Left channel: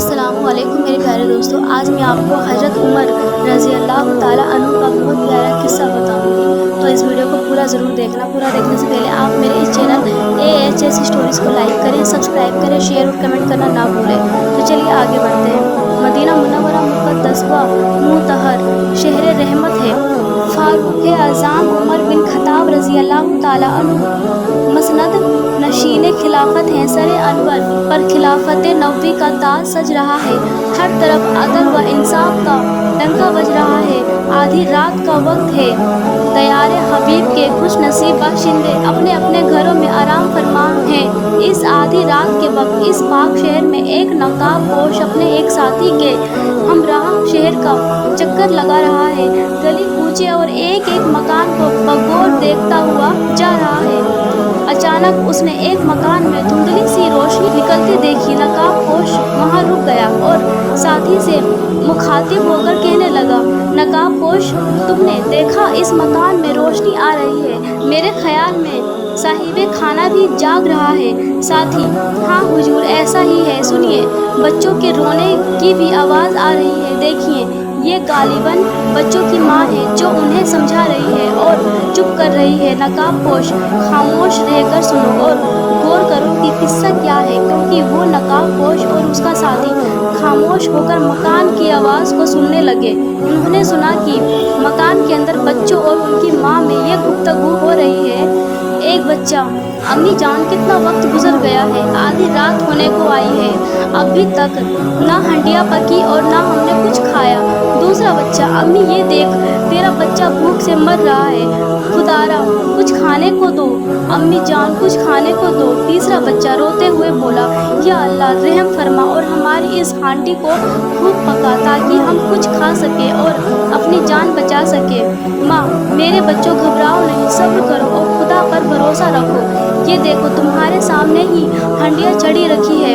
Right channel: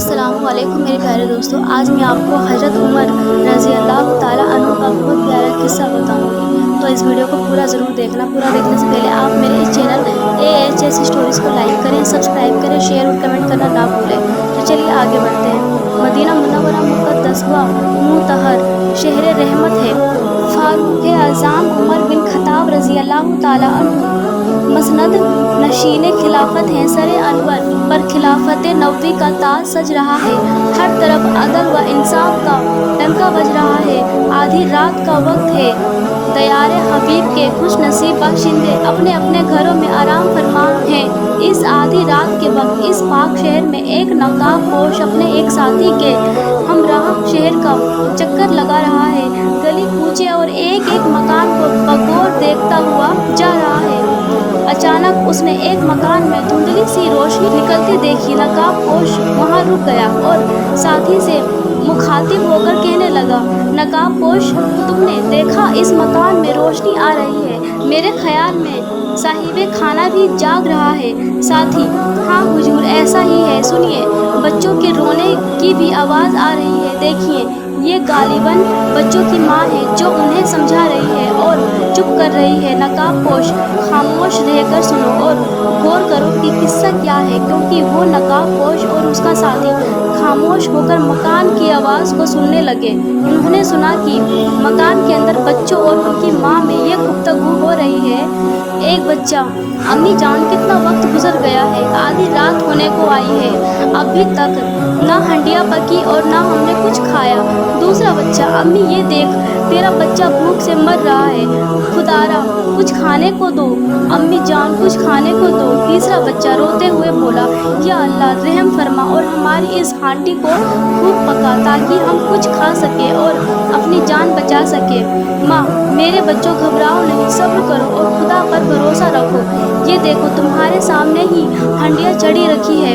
السلام علیکم میرے پیارے دوستوں، آج میں آپ کو حضرت عمر رضی اللہ تعالیٰ عنہ کا بہت پیارا قصہ بتاؤں گی، تو اس ویڈیو کو پورا ضرور دیکھنا۔ پورا دیکھنے سے پہلے آپ میرے اس چینل AHS اسٹوریز کو لائک کریں، سبسکرائب کریں، شیئر اور کمنٹ کرنا نہ بھولیں۔ تو چلیے آگے بڑھتے ہیں۔ مدینہ منورہ مقدس و مطہر شہر رحمت ہے۔ فاروق اعظم عمر بن خطاب رضی اللہ تعالیٰ عنہ مسند نشین خلافت ہیں۔ سر انور پر خلافت نبوی کا تاج سج رہا ہے، ہر طرف عدل و انصاف کا ڈنکا بج رہا ہے۔ آدھی رات کا وقت ہے، دیار حبیب کے خوش نصیب باشندے اپنے اپنے گھروں میں آرام فرما ہیں۔ اس آدھی رات کے وقت اس پاک شہر میں ایک نقاب پوش اپنے ایک ساتھی کے ہمراہ شہر کا چکر لگا رہا ہے۔ گلی کوچے اور ایک ایک مکان کو بغور دیکھتا ہوا جا رہا ہے۔ اچانک اس نے ایک مکان میں دھندلی سی روشنی نکلتی دیکھی۔ نقاب پوش وہاں رک گیا اور ساتھی سے مخاطب ہو کر کہنے لگا، نقاب پوش، تم نے دیکھا اس مکان میں روشنی آ رہی ہے؟ میرے خیال میں صاحب خانہ بھی جاگ رہا ہے۔ ساتھی: ہاں حضور، ایسا ہی ہے۔ سنیے، بچوں کے رونے کی بھی آواز آ رہی ہے۔ دیکھیے، یہ غالباً بچوں کی ماں ہے جو انہیں سمجھا رہی ہے اور چپ کر رہی ہے۔ نقاب پوش: خاموش رہ کر سنو اور غور کرو کہ قصہ کیا ہے، کیونکہ وہ نقاب پوش اور اس کا ساتھی خاموش ہو کر مکان کی آواز کو سننے لگے۔ انہوں نے سنا کہ مکان کے اندر بچوں اور ان کی ماں میں یہ گفتگو ہو رہی ہے۔ ایک بچہ: امی جان، کتنا وقت گزر گیا ہے، آدھی رات ہونے کو آئی ہے، ابھی تک نہ ہنڈیا پکی اور نہ ہم نے کچھ کھایا۔ دوسرا بچہ: امی یہ دیکھ، تیرا بچہ بھوک سے مر رہا ہے، خدارا کچھ کھانے کو دو، امی جان کچھ کھانے کو دو۔ تیسرا بچہ روتے ہوئے بولا، یا اللہ رحم فرما اور ہماری اس ہانڈی کو خوب پکا تاکہ ہم کچھ کھا سکیں اور اپنی جان بچا سکیں۔ ماں: میرے بچوں، گھبراؤ نہیں، صبر کرو اور خدا پر بھروسہ رکھو۔ یہ دیکھو، تمہارے سامنے ہی ہنڈیا چڑھی رکھی ہے،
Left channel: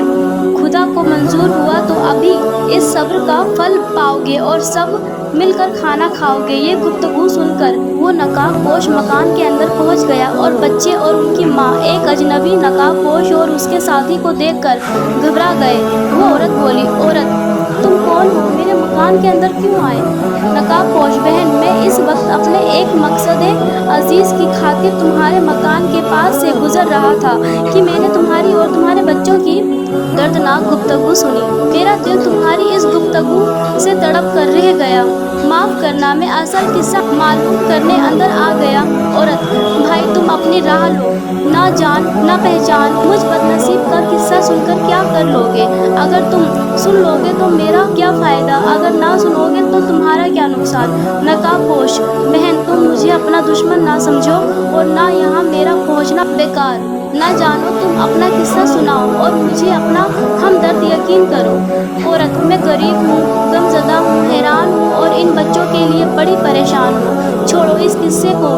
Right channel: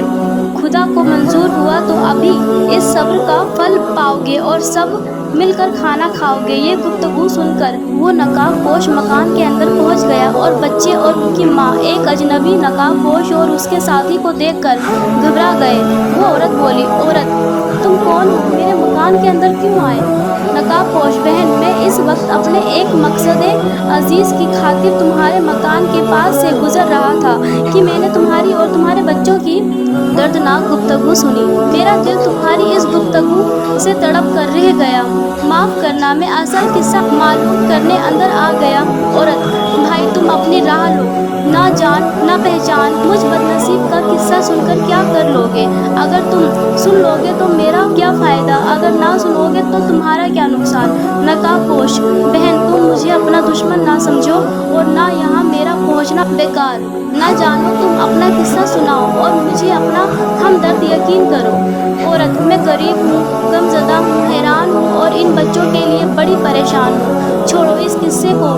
خدا کو منظور ہوا تو ابھی اس صبر کا پھل پاؤ گے اور سب مل کر کھانا کھاؤ گے۔ یہ گفتگو سن کر وہ نقاب پوش مکان کے اندر پہنچ گیا اور بچے اور ان کی ماں ایک اجنبی نقاب پوش اور اس کے ساتھی کو دیکھ کر گھبرا گئے۔ وہ عورت بولی، عورت تم کون ہو؟ میرے مکان کے اندر کیوں آئے؟ نقاب پوش: بہن، میں اس وقت اپنے ایک مقصد عزیز کی خاطر تمہارے مکان کے پاس سے گزر رہا تھا کہ میں نے تمہاری اور تمہارے بچوں کی دردناک گفتگو سنی۔ میرا دل تمہاری اس گفتگو سے تڑپ کر رہ گیا۔ معاف کرنا، میں اصل قصہ معلوم کرنے اندر آ گیا۔ عورت: بھائی تم اپنی راہ لو، نہ جان نہ پہچان مجھ بدنصیب کا قصہ سن کر کیا کر لوگے؟ اگر تم سن لوگے تو میرا کیا فائدہ، اگر نہ سنو گے تو تمہارا کیا نقصان؟ نقاب پوش: بہن، تم مجھے اپنا دشمن نہ سمجھو اور نہ یہاں میرا پہنچنا بیکار۔ نہ جانو، تم اپنا قصہ سناؤ اور مجھے اپنا ہمدرد یقین کرو۔ عورت: میں غریب ہوں، غم زدہ ہوں، حیران ہوں اور ان بچوں کے لیے بڑی پریشان ہوں۔ چھوڑو اس قصے کو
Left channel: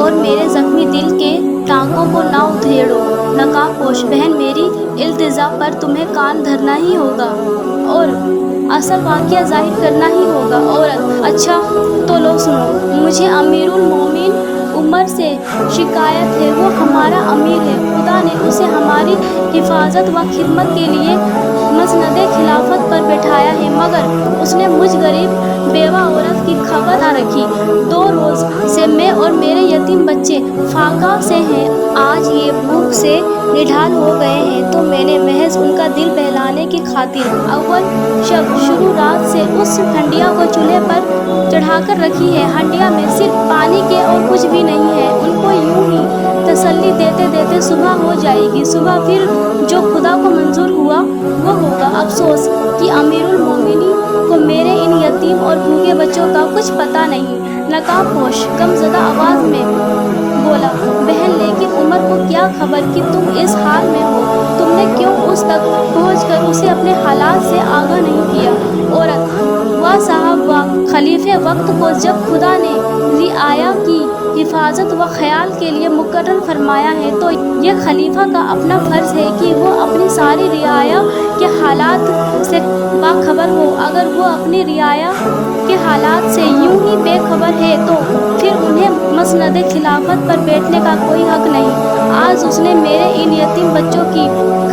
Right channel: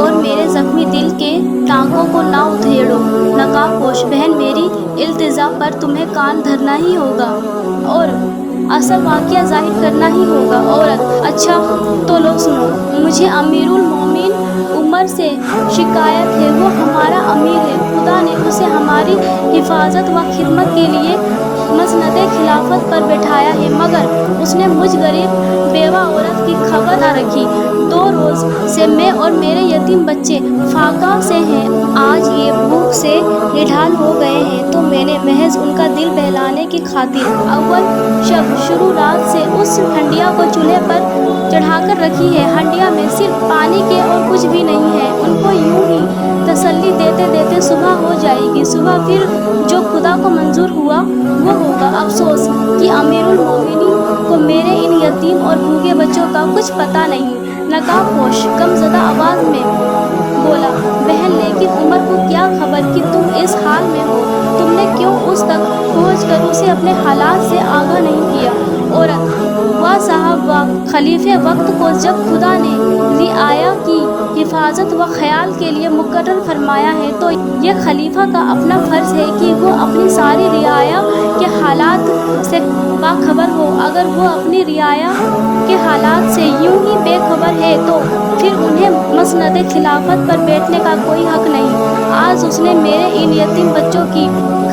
اور میرے زخمی دل کے ٹانکوں کو نہ ادھیڑو۔ نقاب پوش: بہن، میری التجا پر تمہیں کان دھرنا ہی ہوگا اور اصل واقعہ ظاہر کرنا ہی ہوگا۔ عورت: اچھا تو لو سنو، مجھے امیر المومنین عمر سے شکایت ہے۔ وہ ہمارا امیر ہے، خدا نے اسے ہماری حفاظت و خدمت کے لیے مسند خلافت پر بٹھایا ہے، مگر اس نے مجھ غریب بیوہ عورت کی خبر نہ رکھی۔ 2 روز سے میں اور میرے یتیم بچے فاقہ سے ہیں، آج یہ بھوک سے نڈھال ہو گئے ہیں، تو میں نے محض ان کا دل بہلانے کی خاطر اول شب شروع رات سے اس ہنڈیا کو چولہے پر چڑھا کر رکھی ہے۔ ہنڈیا میں صرف پانی کے اور کچھ بھی نہیں ہے۔ ان کو یوں ہی تسلی دیتے دیتے صبح ہو جائے گی۔ صبح پھر جو خدا کو منظور ہوا وہ ہوگا۔ افسوس کہ امیر المومنین کو میرے ان یتیم اور بھوکے بچوں کا کچھ پتہ نہیں۔ نقاب پوش غمزدہ آواز میں بولا، بہن، لیکن عمر کو کیا خبر کہ تم اس حال میں ہو؟ تم نے کیوں اس تک پہنچ کر اسے اپنے حالات سے آگاہ نہیں کیا؟ عورت: واہ صاحب واہ، خلیفہ وقت کو جب خدا نے رعایا کی حفاظت و خیال کے لیے مقرر فرمایا ہے تو یہ خلیفہ کا اپنا فرض ہے کہ وہ اپنی ساری رعایا کے حالات سے باخبر ہو۔ اگر وہ اپنی رعایا کے حالات سے یوں ہی بے خبر ہے تو پھر انہیں مسند خلافت پر بیٹھنے کا کوئی حق نہیں۔ آج اس نے میرے ان یتیم بچوں کی